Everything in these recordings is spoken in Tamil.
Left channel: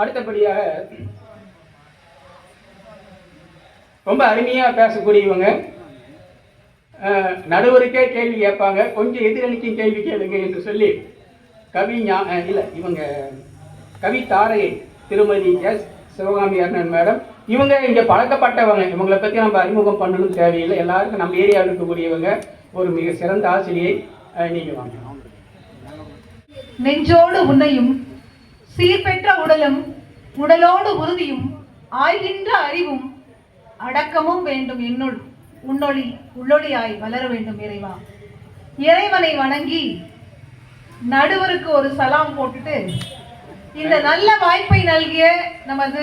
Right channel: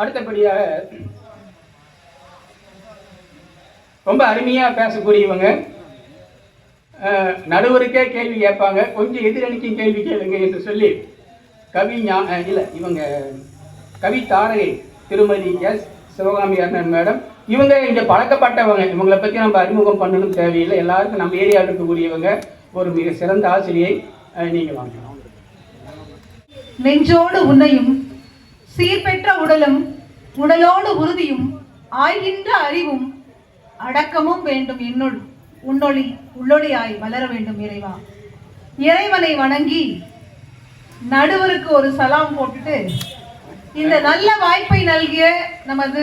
அடுத்தபடியாக ரொம்ப அருமையாக பேசக்கூடியவங்க, நடுவருக்கே கேள்வி கேட்பாங்க, கொஞ்சம் எதிரணிக்கும் கேள்வி கேளுங்க என்று சொல்லி கவி தாரகை திருமதி எஸ் சிவகாமி அண்ணன் மேடம். இவங்க இங்கே பழக்கப்பட்டவங்க, இவங்களை பற்றி நம்ம அறிமுகம் பண்ணணும் தேவையில்லை, எல்லாருக்கும் நம்ம ஏரியாவில் இருக்கக்கூடியவங்க. ஒரு மிக சிறந்த ஆசிரியை. நீங்கள் வாங்க. நெஞ்சோடு உன்னையும் சீர்பெற்ற உடலும் உடலோடு உறுதியும் ஆய்கின்ற அறிவும் அடக்கமும் வேண்டும் என்னுள் உன்னொளி உள்ளொளியாய் வளர வேண்டும் இறைவா. இறைவனை வணங்கி நடுவருக்கு ஒரு சலாம் போட்டுட்டு இந்த நல்ல வாய்ப்பை நல்கிய நமது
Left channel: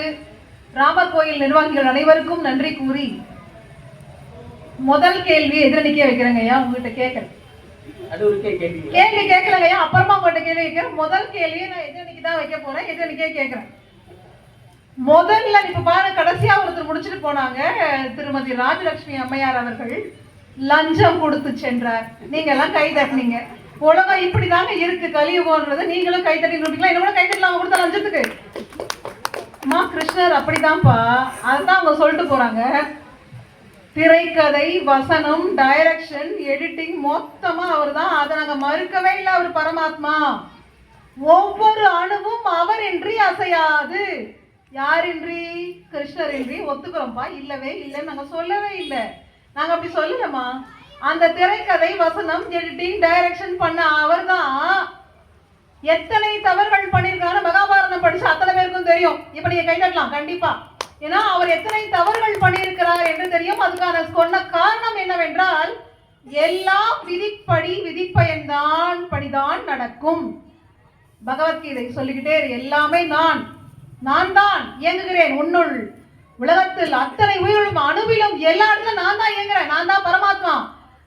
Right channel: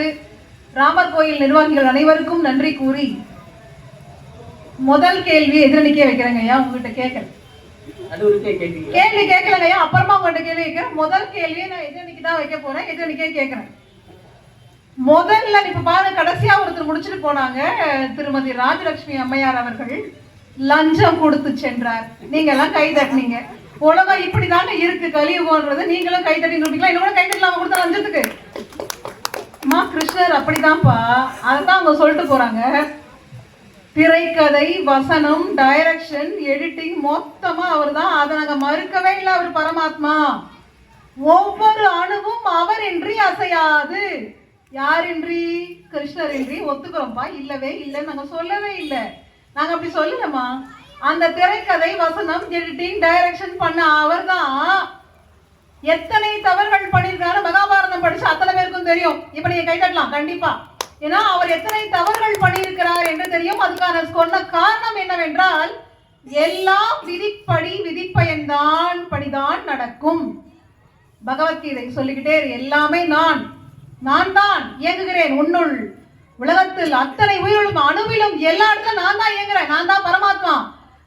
ராமர் கோயில் நிர்வாகிகள் அனைவருக்கும் நன்றி கூறி முதல் கேள்வி எதிரணிக்கே வைக்கிறேங்க ஐயா. உங்ககிட்ட கேட்கிறேன், கேள்வி கேட்கலங்க ஐயா, அப்புறமா உங்கள்கிட்ட கேள்வி வைக்கிறேன். முதல் கேள்வியை நான் எதிரணிக்கு தான் வைக்க போறேன், எதிரணிக்கே கேட்கிறேன். முதல்ல இப்ப பாருங்க, கடைசியா ஒருத்தர் முடிச்சுட்டு போனாங்க, திருமதி ராஜலட்சுமி அம்மையார் அவர்கள் லஞ்சம் கொடுத்து சென்றார். நீங்க எல்லாம் கை தட்டினீங்க. உலகம் இப்படிதாங்க இருக்கு, கலியுகம்ன்றது. நீங்களும் கை தட்டி கொடுப்பீங்களா? இன்னும் கை தட்டலாம் கொடுத்த லஞ்சத்துக்கு. அம்மா கிருஷ்ணர் அப்படிதான்ப்பா, அதுதான் அவங்க சொல்லிட்டு போறாங்க. திரைக்கதை, வசனம், டைரக்ஷன், எடிட்டிங் மொத்தமா அவர் தான். அதை நாங்க மறுக்கவே இல்லை. அவர் பரமாத்மா, ஒவ்வொரு அணுவும் அவர் இன்றி அசையாது. யாரின்றி? கிருஷ்ணர் இன்றி. ஒத்துக்கிறோம்ப்பா, இல்லவே இல்லை, நாங்க சொல்லவே இல்லை. நாங்க அப்படி சொல்லலமா. அந்த திரைக்கதை, வசனம், எடிட்டிங், டைரக்ஷன் பண்ண அவர் தான். எத்தனை தவறுகள் பண்ணிருக்காரு மகாபாரதம் படிச்சு அத்தனை பேருக்கும் தெரியும். இப்ப நீங்க கை தட்டலாம் கண்டிப்பா. ஏன்னா அவர் எத்தனை தவறுகள் பண்ணியிருக்கிறார் என்று தெரியும். அதுக்கான சொன்ன காரணம் என்னவென்றால், எல்லாம் விதிப்படி விதிப்பயன்தான் படிதான் நடக்கும். பகவத்கீதை சொல்லிக்கிட்டே எல்லாமே நான் தான் இயங்குகிறேன் உன்னுள். உலகத்தில் அத்தனை உயிரிலும் அணுவிலும் எல்லா இடத்துல நான் தான் இயங்குறேன். நான் தான் பரமாத்மா.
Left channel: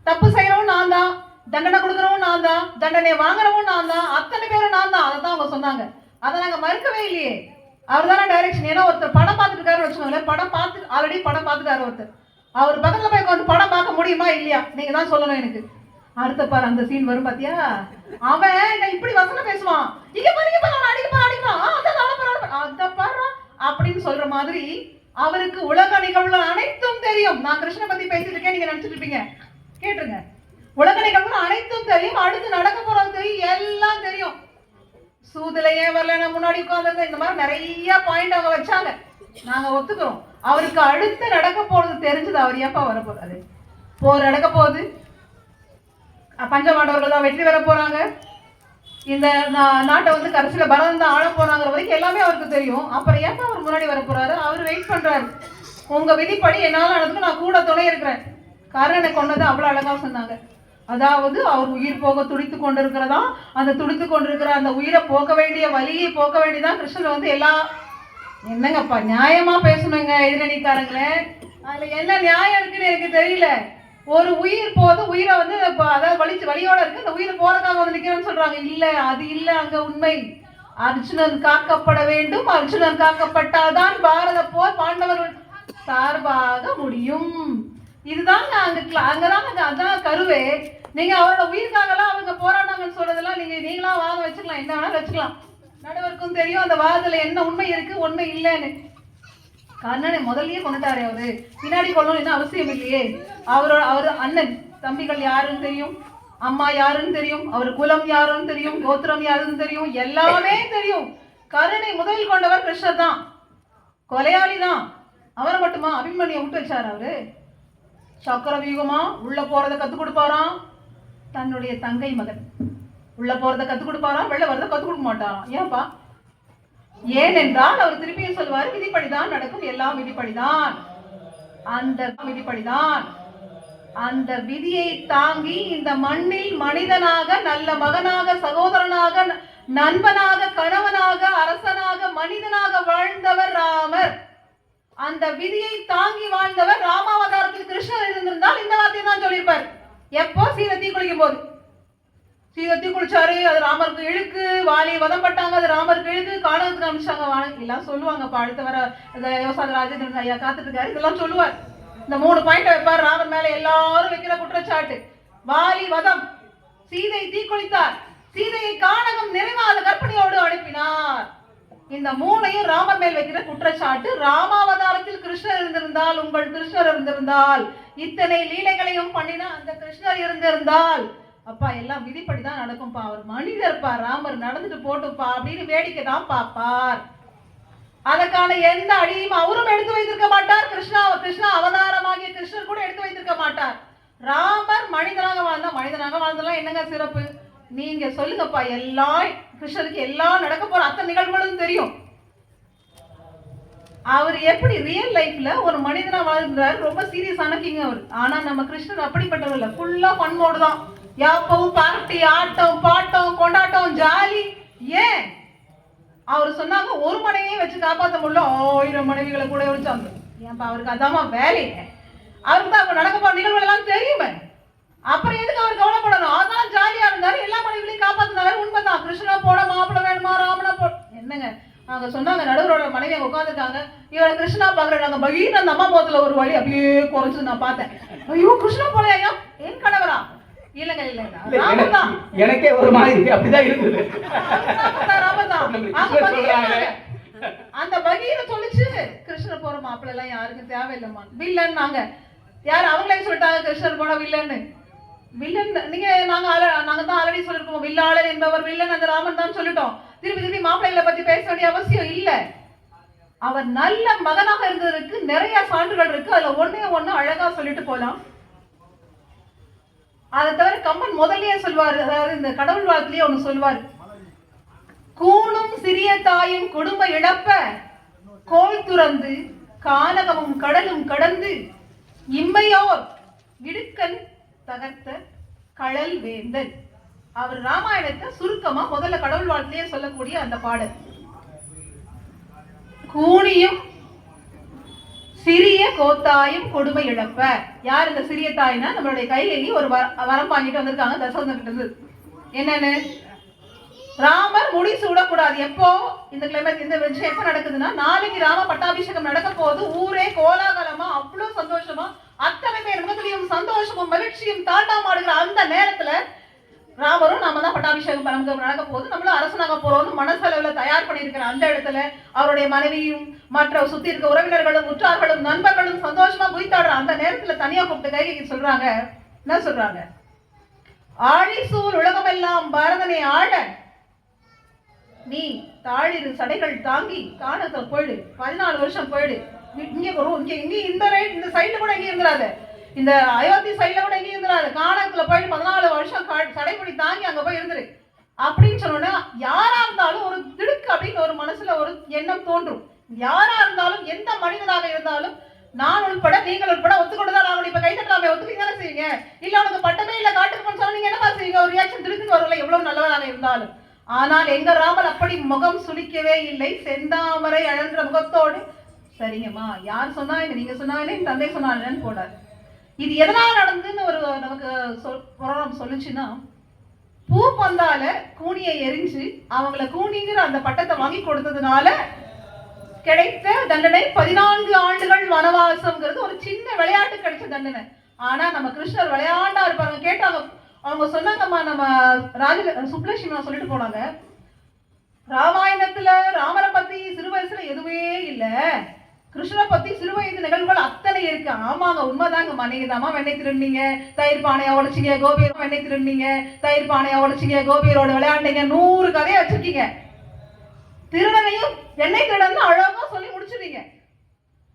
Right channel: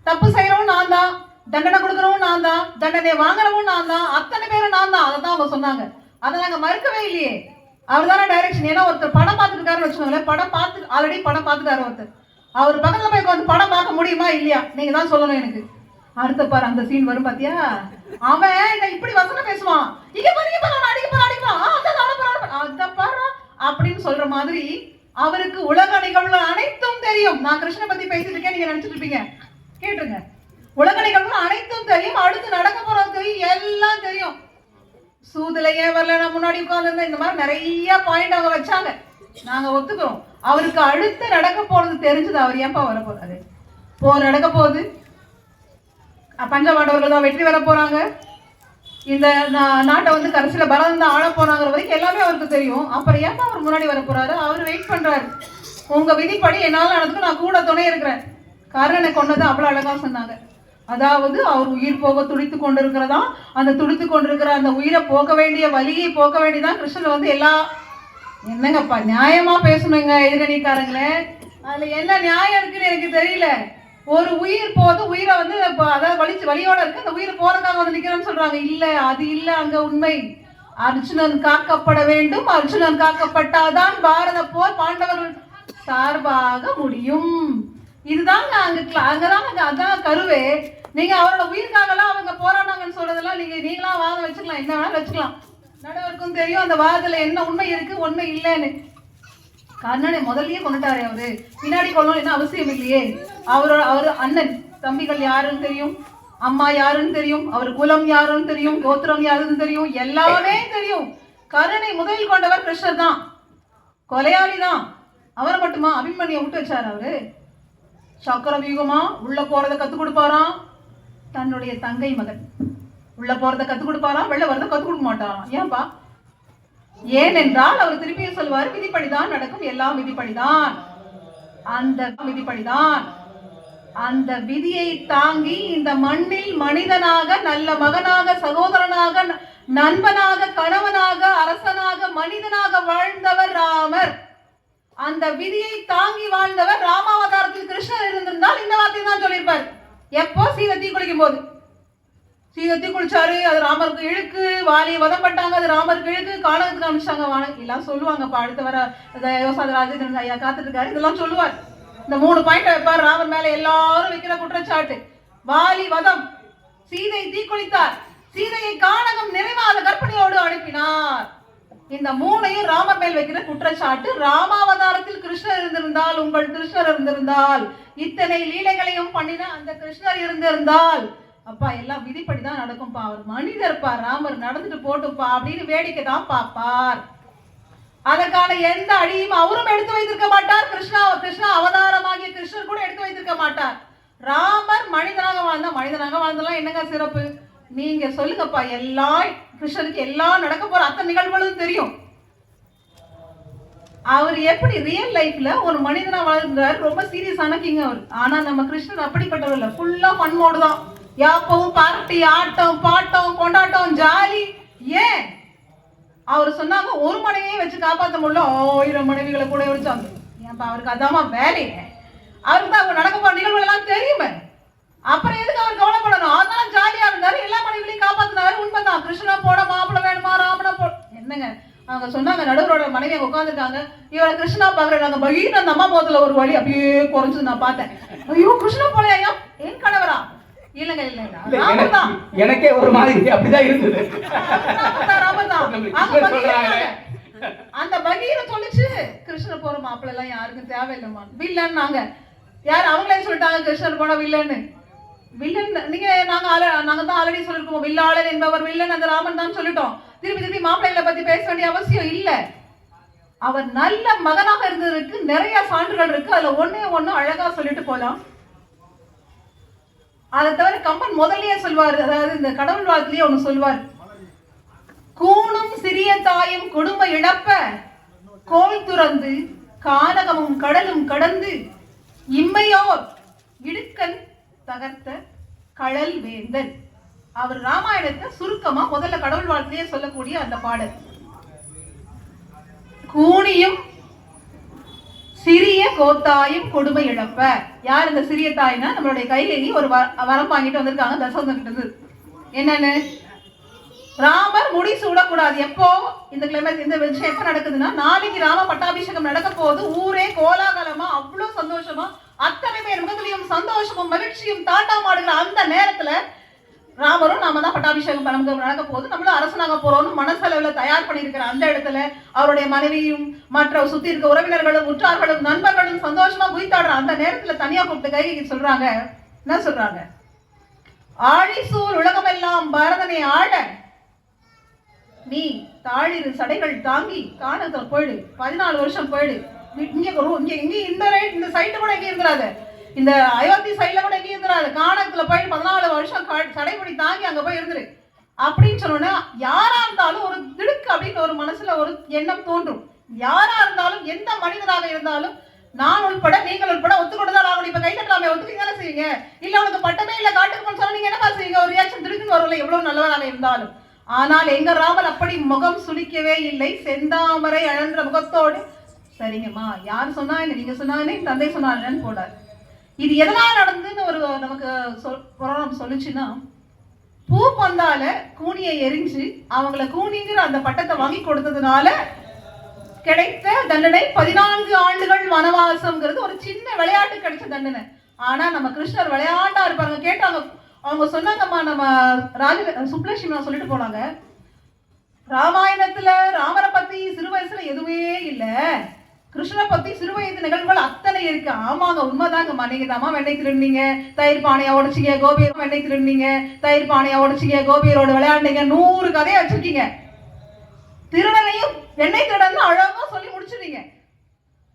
தப்பு செய்யறவும் நான் தான், தண்டனை கொடுக்கறவும் நான் தான், தண்டனை வாங்குறவும் நான் தான், அத்தனை பேரும் நான் தான். அதை தான் அவங்க சொன்னாங்க. அதை நாங்க மறுக்கவே இல்லையே. அவர் தானே டைரக்ஷன். ஏன்னா ஒருத்தர் படம் பார்த்துருக்காரு வச்சுக்கோங்களேன், படம் பார்த்து ஆல்ரெடி படம் பார்த்துட்டாரு ஒருத்தர். அவர் பக்கத்துல போய் வந்து படம் பார்க்க முடியுமா இல்லையா நீங்க தான் சொல்லணும் எனக்கு. அடுத்த பாரு அந்த சீன் வரும் பாத்தியா, அவன் இப்படி வசனம் பேசுவான், இங்க பாருங்க அப்படின்னு சொல்ற மாதிரி அவருக்கு உலக நிகழ்வுகள் அனைத்தும் தெரியும். நான் கிருஷ்ண பத்தி பேசிட்டு இருக்கேன், நீங்க நினைச்சிட்டு இருப்பீங்க, கேட்டுருங்க. உலக நிகழ்வுகள் அனைத்தும் தெரியும், அடுத்து நடக்க போறது தெரியும், எல்லாம் தெரியும். சூதுலையே வரல, நான் முன்னாடி உட்கார்ந்து இந்த மாதிரி நிறைய பாயிண்ட் அவங்க வச்சாங்க, நாங்க ஒத்துக்கிறோம். அவருக்கு அடுத்து நடக்க போறது தெரிஞ்சது. அவர் ஏப்பா வர போறாரு? போர் நடக்க போகுது, பஞ்சபாண்டவர்கள் தான் வெற்றி வர போறாங்க, இந்த நாட்டை வந்து கடைசியில பரதம் தான் ஆள போறாங்கிற வரைக்கும் எல்லாமே அவருக்கு தெரியும். அப்புறம் ஏப்பா அவர் முன்னாடி வர போறாரு? அவர் வெயிட் பண்றாரு. உங்க விதிப்படி என்னால நடந்துக்கு நான் கூட துணை இருக்கிறேன். கர்ணனை கொண்டது அவ்வளவு அழகா சொன்னாங்க. அதாவது அவர் உயிர் போக துடித்து கொண்டிருக்கிறதா, அந்த துடித்து கொண்டிருக்கிற அந்த உயிரை போக வேண்டிய வழியை போக வேண்டியதான் கிருஷ்ணன் வந்து எல்லா. என்னங்கப்பா நியாயமா பேசணுங்க எதிரணிக்காரங்களே, அதுல என்ன நியாயம் இருக்குன்னு எனக்கு தெரியல. ஒரு உயிர் போது உயிரை வந்து அதாவது வழியோட இருக்கு, அந்த உயிர் போறதுக்காக வந்து நிக்கிறேன்னு சொல்றாங்க. இல்ல, அது இல்ல அங்க உண்மை. அர்ஜுனன் காக்கப்பட வேண்டும், அர்ஜுனன் காக்கப்பட்டாதான் பாரத போர் பாண்டவர்கள் சார்பாக முடியும். இதுதாங்க அங்கதாங்க அதான் கருவே. நீங்க அவரோட உயிருக்காகலாம் அவங்க போராடாங்கன்னு சொல்றதெல்லாம் நீங்களா வாதம் வச்சுக்கலாம், என்ன வேணாலும் வச்சுக்கலாம். நடுவருக்கும் தெரியும் அந்த வாதத்துல என்ன உண்மை இருக்கு உண்மை இல்லைன்னு. கர்ணனை முதல்லயே கொண்டுட்டாரு அவரு, பின்னாடி கொள்ளணும் என்ன அவசியம் இல்லையே. அவரு அண்ணன் தம்பிகள் யாருன்னு தெரியும், அம்மா யாருன்னு தெரியும், அவர் குலம் யாருன்னு தெரியும், கோத்திரம் யாருன்னு தெரியும், எல்லாமே தெரியும். கர்ணனை முதலில் கொண்டவர் கிருஷ்ணர் தான், கொலையாளி தான். அவர் மட்டுமா அபிமன்யை விட்டு வச்சாரு? அவரு சக்கர வியூகமா உள்ள போறதை கத்து கொடுப்பாராம். தன்னுடைய தங்கை மகன் உள்ள போறதை கத்து கொடுப்பாராம், வெளில வரதை கத்து கொடுக்க மாட்டாராம். ஏன்பா? ஏனென்றால் அவர் திருப்பியும் சொல்வார், விதிப்படிதான் நடக்கும், எல்லாம் விதிப்படிதான். அந்த விதிப்படிதான், அந்த விதியை தாங்கி இந்த மண்ணில் மனிதனாக, நல்ல மகனாக, சகோதரனாக, நண்பனாக, கணவனாக, அரசனாக, மனிதனாக வாழ்ந்தவர் ராமர். அந்த விதியை தாங்கி வாழ்ந்தவர். ராமாவதாரத்தில் கிருஷ்ணர் இருந்திருந்தால் இந்த வார்த்தையை தான் சொல்லியிருப்பார். எப்போ? சீதை தீ குளிக்கும் போது. சீதை தீ குளிச்சாரு, அது ராமருக்கு இழுக்கு. வாலியை வதம் பட்டாங்க, அது ராமருக்கு இழுக்கு. காலத்துக்கு அனுப்பிச்சாங்க எல்லாம் சொல்லுவாங்க. அடுத்த வர ராஜேந்திரன் ஐயா காத்துட்டு இருக்காரு, இதெல்லாம் சொல்லுவார். இந்த 3 பாயிண்ட் வைப்பார் ராமர் மேல எல்லாரும் வைக்கிற குற்றச்சாட்டு. வாலி வதம், சீதை தீ குளித்தார், சீதையை கானகம் நிறைவாத கற்பனையோடு அனுப்பினார். இந்த மூணையும் ராமர் மேல் வைக்கிற குற்றச்சாட்டு. ராமாவதாரத்தில் கிருஷ்ணர் இருந்திருந்தால், உங்கள் கிருஷ்ணர் இருந்திருந்தால், இத்தனை லீலைகளையும் பண்ணின அந்த கிருஷ்ணர் இருந்திருந்தால், அப்பா எல்லாம் விதிப்படிதான் நடக்கும்பா, அவர் மனிதர்ப்பா, ராமர் நடந்துட்டு போட்டுப்பா அப்படின்னு வேடிக்கை தான் பார்ப்பார். அதற்கான எந்த அடியும் அவரும் எடுத்து வைத்திருக்க மாட்டார். கிருஷ்ணா அவதாரமாகிய கிருஷ்ணர் கூட எடுத்து வைத்திருக்க மாட்டார். ராமர் மனிதனாக வாழ்ந்தெல்லாம் என்னங்க சிறப்பு? நீங்க சொல்லுங்கப்பா. எல்லாம் கிருஷ்ணருக்கு எல்லாம் நடக்க போற அத்தனை நிகழ்வுகளும் தெரியும். அவர் எப்படி ரியல் லைஃப்ல ஒரு மனிதனா வாழ்ந்தாரு, ரொம்ப சீரியஸான கிங் அவர். ஆனா நம்ம கிருஷ்ணர் அப்படிப்பட்டவர் இல்ல, ஃபுல்லா பண்போடு தான். யாப்பவும் பார்ட்டி, ஆட்டம் பாட்டம் கொண்டாட்டம் ஜாலி. ஏன் அவர் சொன்னாங்க ஒரு மனைவியை வச்சு காப்பாற்ற முடியல, 1000 மனைவிகளை கூட வச்சாங்க. ஏன்பா அவருக்கு அதாமா வேலைங்க. அவருக்கு தான் அவர் நடக்க போற நிகழ்வுகள் எல்லாம் தெரியுமே. அப்புறம் எதுக்கு அவர் கவலைப்படணும்? அதான் ஜாலியா இருந்தாரு, எல்லா மனைவிகளையும் காப்பாத்தினாரு. உண்மைதான். கிருஷ்ணா போட மாப்பிள்ள வேணுமா, ராமனா போ என்னங்க அவங்க சொன்னாங்க. நடுவரோட மனைவி உட்காந்துருக்காங்க. இவரை கிருஷ்ணா பாக்குறாங்க. பகீர் அந்த அம்மா முகத்துல ஒரு வழி அப்படியே குறைஞ்சு நான் பார்த்தேன். ஐயோ கிருஷ்ணா போலையா, என் கணவரா? இல்லங்க எனக்கே ஒரு மாதிரி அப்படிதான் இருந்தது. அந்த பகீர சொல்லிச்சு, கிருஷ்ணர் போற மாப்பிள்ள எல்லாம் யாருக்கும் தேவையில்லைமா, வில்லன். நாங்க யார் அவங்களே சொல்லிட்டாங்க கிருஷ்ணர் போன வில்லன்னு. வில்லன் நீங்க நாங்க தான் ஆல்ரெடி சொல்லிருக்கோம், வில்லாளன் என்பவர் வில்லன் அந்த ராமன் தான் சொல்லிட்டோம். திருப்பி மாப்பிள்ளைகளை பத்தி பேச வேண்டிய அவசியம் இல்ல. அவர் நல்ல மகனாக இருந்ததற்கு நிறைய சான்றுகள் இருக்கு. அதுல ஒண்ணு அழகா சொல்லிட்டு போலாம். அதை தவிர கம்பன் முதல்லயே சொல்வார், அதாவது இந்த கடவுள் வாழ்த்திலேயே ஒண்ணு சொல்வார். கூணும் சிறிய தாயும் குடும்ப இழப்ப கோல் துறந்து கானகமும் கடலும் கடந்து இம்மையோர் இடுக்கன் தகர்த்த கழல் வேந்தன். அவர் ராமாயணத்தை சுருக்கமா முதல்ல கடவுள் வாழ்த்திலேயே சொல்லக்கூடிய அந்த பாடல். கூணியும் சிறிய கோத்தாயும் கொடுமை இழப்ப. யார் இந்த சிறிய தாய்னா நம்மளுடைய கைகேயி ஒரு வரம் வாங்கிட்டு வந்திருக்காங்க தசரதன் கிட்ட இருந்து. என்னன்னு, ராமர் முடி சூடக்கூடாது. எப்போ இந்த கிளைமேட் இந்த விஷயம் எப்ப நடக்குதுன்னா, நாளைக்கு ராம பட்டாபிஷேகம் நடக்க போது ஊரே கோலாகலமா அவ்வளவு சந்தோஷமா அத்தனை பேர் முகத்திலையும் சந்தோஷமும் மகிழ்ச்சியும் தாண்டாமாடுகிற அந்த நேரத்துல ராமரும் நாம தான் பட்டாபிஷேகம் நடக்க போது, நம்மளும் அரசனாக போறோம்னு மனசளவுல தயார் பண்ணியிருக்கிற அந்த இடத்துல அவருடைய மனைவியும் மற்ற சுத்தி இருக்க உறவினர்களும் உற்றார்களும் நண்பர்களும் சந்தோஷமா குதித்தாடுற அந்த நேரத்துல தனியா கூப்பிட்டு கைகி சொல்றாங்க. என்ன சொல்றாங்க? ஆழிசூர் உலகமெல்லாம் பரதனை ஆட நீ தாழிரு சடைகள் தாங்கி காணத்துல போயிடு, 14 வருஷம் போயிடு. இந்த சைட்ல கூட எங்க இருக்கிறாரு, இந்த அயோத்தி சைட்ல கூட எங்க இருக்கிறாரு, காணத்துல போய் 14 வருஷம் சடைமுடி தாங்கி அங்க போய் இருந்துரு அப்படின்னு சொன்னோன்னா, யாரா இருந்தாலும் ஒரு திடுக்கு அப்படின்னு ஒரு மனசுல ஒரு எண்ணம் தோன்றும். யாரா இருந்தாலும் எந்த மனிதனாக இருந்தாலும் நான் உட்பட நீங்கள் உட்பட ஒத்துக்கொண்டுதான் நான் இப்ப கை தட்டாம ஒத்துக்கீங்க செய்வீங்க. இல்ல உனக்கு பட்டமே இல்ல காட்டுக்கு சொன்னா நீங்க என்ன செய்வீங்க? ஒரு ரியாக்ஷன் திடுக்குன்னு வரல, எவ்வளவு நல்லவராக இருந்தாலும். ஆனால் எங்க ராமர் அப்படி முகம் சுளிக்கவே இல்லை. செந்தாமரை அழன்ற முகத்தோடு, சரிங்கம்மா யார் சொன்னா என்ன, நீங்க சொன்னா என்ன, தந்தை சொன்னா என்னன்னு போடாரு. இது எதனால் நடந்துன்னு ஒரு நமக்கு புராணம் சொல்லுச்சுன்னா, பூ பந்தால கூனியை எரிஞ்சு அவங்களை கூனிங்கிற அந்த பட்டத்தை வாங்கி கொடுத்ததுனால கிடைத்த தண்டனை 14 ஆண்டுகள் வனவாசம்ங்கிறது ஒரு சின்ன விளையாட்டு கிடைச்ச தண்டனை. ஆனா நம்ம கிருஷ்ணர் விளையாட்டா இருப்பாங்க. கேட்டாங்க, அவங்க சொன்னாங்கம்மா, நம்ம சுப்லட்சுமி சொல்லிட்டு போனாங்க, ராமாயணத்துல ராமரை பத்தி சிறு வயசுல எதுவுமே இல்ல, கிருஷ்ணனை பத்தி சிறு வயது நிகழ்வுகள் அத்தனை இருக்கு. ஆமாங்க உண்மைதாங்கம்மா, நீங்க தாமா வெண்ணெய் திருநீங்க, தயிர் பானையா உடைச்சிங்க, கோபியர் வெண்ணெய் திருநீங்க, தயிர் பானையா உடைச்சிங்க, கோபியரோட விளையாண்டீங்க, 100 கதையை வச்சிருக்கீங்க. திருடனையும் வெண்ணெய் திருடன்னு அழகா சொல்லி முடிச்சிருங்க.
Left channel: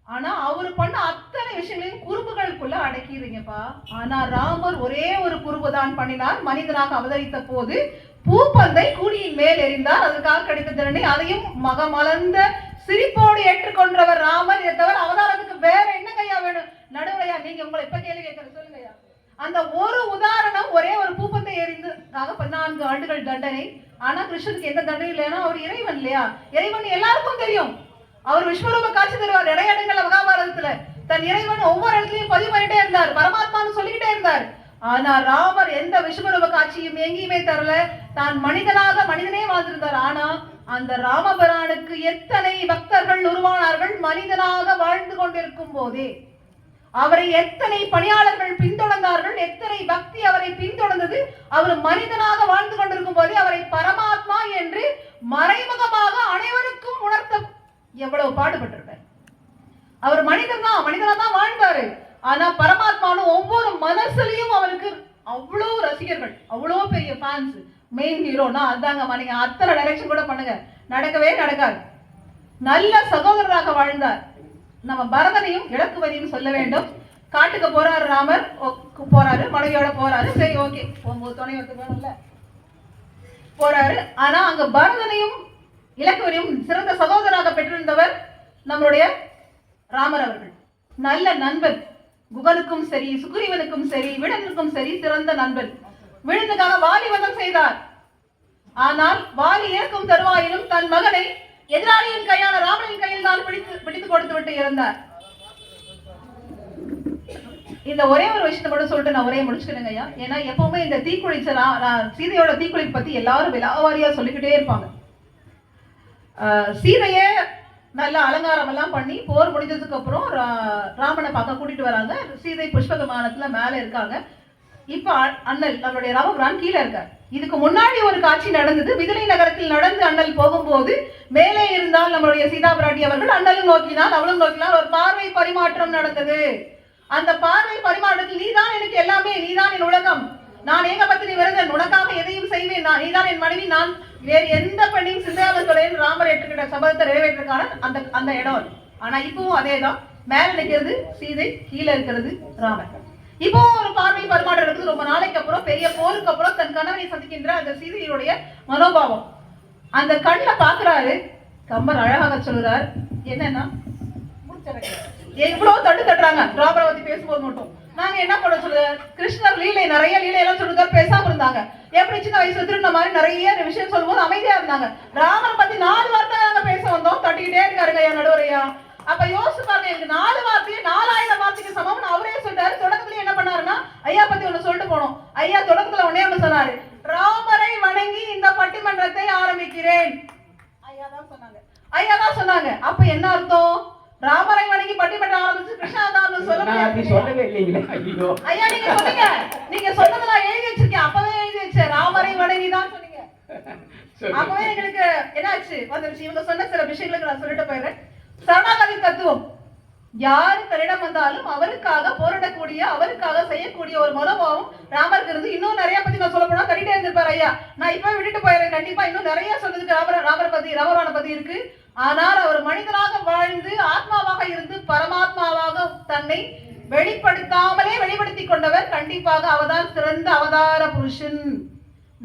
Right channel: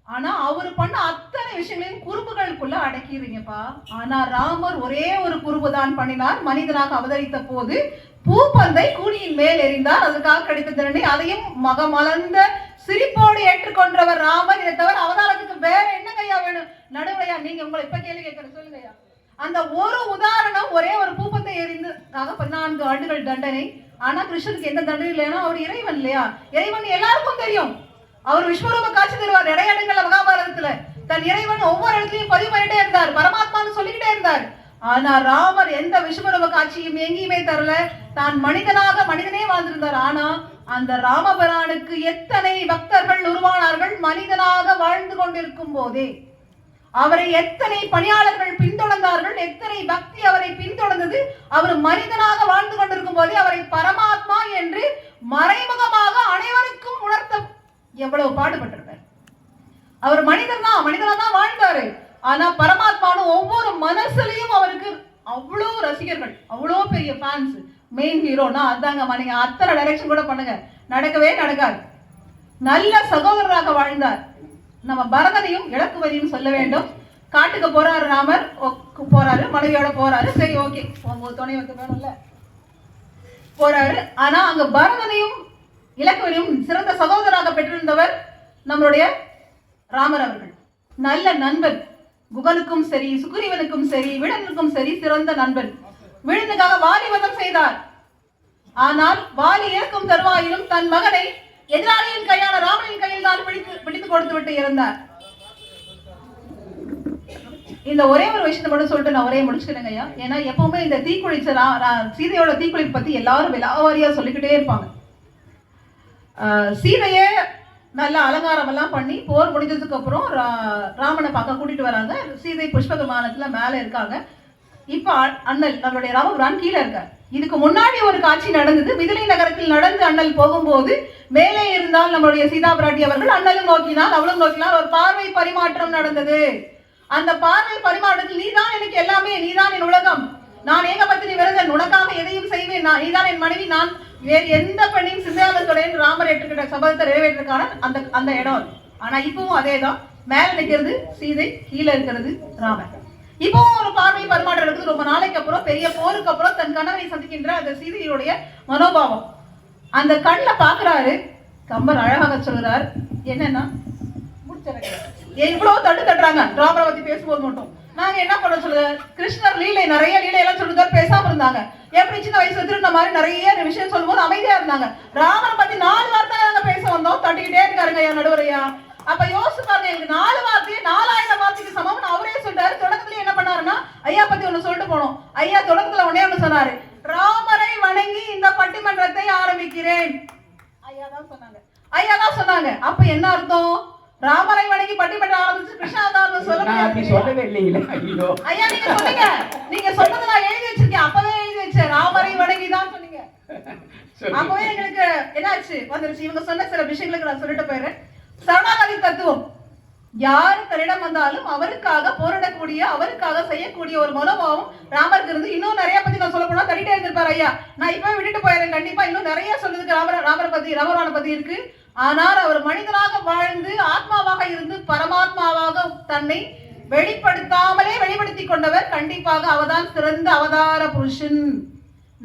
ஆனா அவர் பண்ண அத்தனை விஷயங்களையும் குறும்புகளுக்குள்ள அடக்கிடுறீங்கப்பா. ஆனா ராமர் ஒரே ஒரு குறும்பு தான் பண்ணினார். மனிதனாக அவதரித்த போது பூப்பந்தை கூனியின் மேல் எறிந்தார். அதுக்காக கிடைத்த தண்டனை அதையும் மகமலர்ந்த சிரிப்போடு ஏற்றுக்கொண்டவர் ராமர். இதை தவிர அவதாரத்துக்கு வேற என்ன கையா வேணும்? நடுவையா நீங்க உங்களை இப்ப கேள்வி கேட்கிற சொல்லுங்கய்யா. அந்த ஒரு உதாரணம், ஒரே ஒரு பூப்பந்தை எறிந்ததுக்காக 14 ஆண்டுகள் தண்டனை. ஆனா கிருஷ்ணனுக்கு எந்த தண்டனை இல்லைன்னா அவர் இறைவன் இல்லையா? இறைவன் எல்லாருக்கும் தெரியும். அவர் விஸ்வரூப காட்சி தருவார் நிறைய இடங்கள்ல மகாபாரதத்துல. தன் இறைவன் ஒவ்வொரு இடத்துலயும் பதிவு பண்ணிட்டே இருந்தார், பரமாத்மான்னு சொல்லிக்கிட்டே இருந்தார். ஆனா ராமர் எந்த விஸ்வரூப காட்சியும் எங்கேயுமே தரல. தான் மனிதனே வாழ்ந்திருந்தார். ஆனா அந்த ராமபிரானுக்கு எத்தனை பக்தர்கள் உருவானார்கள் மனிதனாக வாழ்ந்து கொண்டிருக்கும் போதே. அவரை எத்தனை பணியாளர்கள் பின்தொடர்ந்தார்கள், எத்தனை பக்தி அவரை பின்தொடர்ந்தது. அவர் மனிதனாக வாழ்ந்து கொண்டிருக்கும் போதே அவரை பரமாத்மா என்று மறைமுகமாக அனைவருக்கும் எவ்வளவு பாடுபட்டிருப்பார். அவர் மனிதனா தான் வாழ்ந்தாரு. ஆனா பரமாத்மானு ஒவ்வொரு மனசுலயும் அவருக்கு அவ்வளோ ரசிகர்கள், அவ்வளோ பெரிய ஃபேன்ஸ். மெயின் ஹீரோனா அதாங்க. நீங்க அத்தனை டைரக்ஷன் கூட பண்ணுங்க, நடக்கவே நடக்காது. நல்ல சகோதரராக வாழ்ந்தார். நம்ம பரதனையும் இலக்குவதியும் சொல்ல வேண்டும். காட்டுக்கு போறாரு ராமர், போறாரு மனைவியோட போறாரு. சரி, ஓகே, உங்க துணை வந்து வேணும்ல, போறாரு. ஆனா அங்க பரதனையும் இலக்குவதியும் சிறந்த சகோதரராக பெற்றிருந்தவர் நம்மளுடைய ராமர் அவர்கள். நல்ல நண்பன், குகனுக்கும் சரி, சுக்ரீவனுக்கும் சரி, விடனுக்கும் சரி சிறந்த நண்பன். விழுந்துக்காக வாலி வதம் செய்தார். ஆனால் வாலி இறக்கும் தருவாயிலும் தன் மகனை எதிராளியின் கையான ராமனின் கையில் தான் பிடித்து கொடுத்து விட்டு இருந்தார். இந்த ஒரே ஒரு விஷயத்தை மட்டும் சொல்லிட்டு நான் ஒரே முடிச்சுக்கிறேங்க ஐயா. ஏன்னா எப்பவுமே இந்த தீக்குளிச்ச சீதையோட தீக்குளிப்பு பத்தி எல்லாரும் விலாவாரியா சொல்லிக்கிட்டே இருப்பாங்க. சீதையே நல்ல அலங்காரம் எல்லாம் பண்ணி போர் முடிஞ்சதுக்கு அப்புறம் ராமனை பார்க்க கூட்டிட்டு வராங்க. சீதை புஷ்ப விமானத்துல மேல இருக்காங்க. இப்ப அண்ணல் நம்மளுடைய ராமபிரான் கீழே இருக்கார். இதுக்கு முன்னாடி ஒரு காட்சி நடந்தது. மிதிலை நகரத்தில் நடந்து அண்ணல் போகும்போது மேலே இருந்தால் நம்மளுடைய சீதா பிராட்டி அவர்கள் அண்ணலும் நோக்கினால் அவளும் நோக்கினால் ஒரு பார்வை பரிமாற்றம் நடந்தது. அந்த பார்வை பரிமாற்றத்தில் நீதான் எனக்கு எல்லாமே, நீதான் என் உலகம், நான் ஏகபத்தினி விரதன், உனக்காக எதையும் செய்வேன், நீதான் என் மனைவி, நான் வேறு எந்த பெண்ணையும் சிந்தாதத்துடன் ராமர் ஏற்றுக்கிட்ட சபதத்தை நிறைவேற்றுக்கான அந்த இடம். ஆனா இப்பவும் அதேதான். மேல நிற்கிறது சீதை, கீழே இருக்கிறது ராமர். இப்போ ஒரு பார்வை பரிமாற்றம் இருக்குது. ரொம்ப நாளைக்கு அப்புறம், பெரிய போருக்கு அப்புறம் தன் கணவனை சந்திக்கின்ற அந்த சீதையுடைய மனோபாவம் அந்த கண்ணுல பாக்குறாரு. கம்பர் அழகாக சொல்றார், என்னன்னா எவ்வளவு தட்டுறாங்க ராமரை பத்தி பேசும்போது மட்டும். நாங்க என்ன பண்ண சொல்ற, கிருஷ்ணர் லீலை நிறைய லீலை எல்லாம் சொல்லுங்க, பேசாம இருந்தாங்க. எப்படி சின்ன வயசுல திருந்த மாதிரி நிறைய விஷயம் சொல்லும்போது அமைதியா இருந்தாங்க. ராமரை பத்தி 4 வார்த்தை நாங்க பேச வந்தோம், தட்டிக்கிட்டே இருக்காருங்க என் நடுவரையா. அப்ப யோசிச்சு பாருங்க, எனக்கு 4 வார்த்தையே 4000 வார்த்தைக்கு சமம்னு அவரே சொல்றாரு. தொடக்கத்துல என்ன பண்ணாருன்னா, ஐயா பத்தி ஒண்ணு சொல்லிட்டு போனோம். ஐயா தொடக்கத்துல ஒன்னே ஒண்ணு சொன்னாரு, ராமரை வணங்கி இந்த பட்டிமன்றத்தை ஆரம்பிக்கிறேன். ஐயா தான் சொன்னாங்க. அப்ப என்ன அர்த்தம்? ராமரை வணங்கி பட்டிமன்றம் ஆரம்பிச்சு கிருஷ்ணாவதாரம் சொல்லவே இல்லைங்களா? ஐயா நீங்க சொன்னீங்க, நீங்க சொன்னது நான் எழுதி வச்சிருக்கேன். அப்பவே எழுதி வச்சேன், ராமரை வணங்கி தான் சொன்னீங்க. அப்பவே எங்களுக்கு என்னாச்சு வந்துருச்சு. இவங்க சொன்ன சில விஷயங்களுக்கு நான் சொல்லிட்டு போயிடுறேன். சரணாகதி தத்துவம், யாரு தன்னிடம் வந்தாலும் அவருக்காக போராடக்கூடிய, அவருக்காக செய்யக்கூடிய ஒரு மனோபாவம் ராமருக்கு இருந்து. இன்னும் நிறைய பத்தி நான் சொல்ல போனா தட்டிட்டே இருந்திருப்பாரு ஐயா. நான் இப்ப விட்டுட்டு போயிடுறேன். கண்டிப்பா இன்னும் நிறைய சொல்றதுக்கு ராமரை பத்தி, ராமரான பத்தி இருக்கு. ஆனால் அவர் மனிதனாக வாழ்ந்து ஆத்மாவாக இருந்து பரமாத்மாவாக தன்னை வெளிப்படுத்தாமலே வெளிப்படுத்தி கொண்டவர். கண்டிப்பாக அவர்தான் சிறந்த அவதார புருஷன்.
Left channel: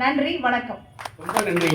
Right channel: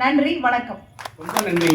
நன்றி, வணக்கம். ரொம்ப நன்றி.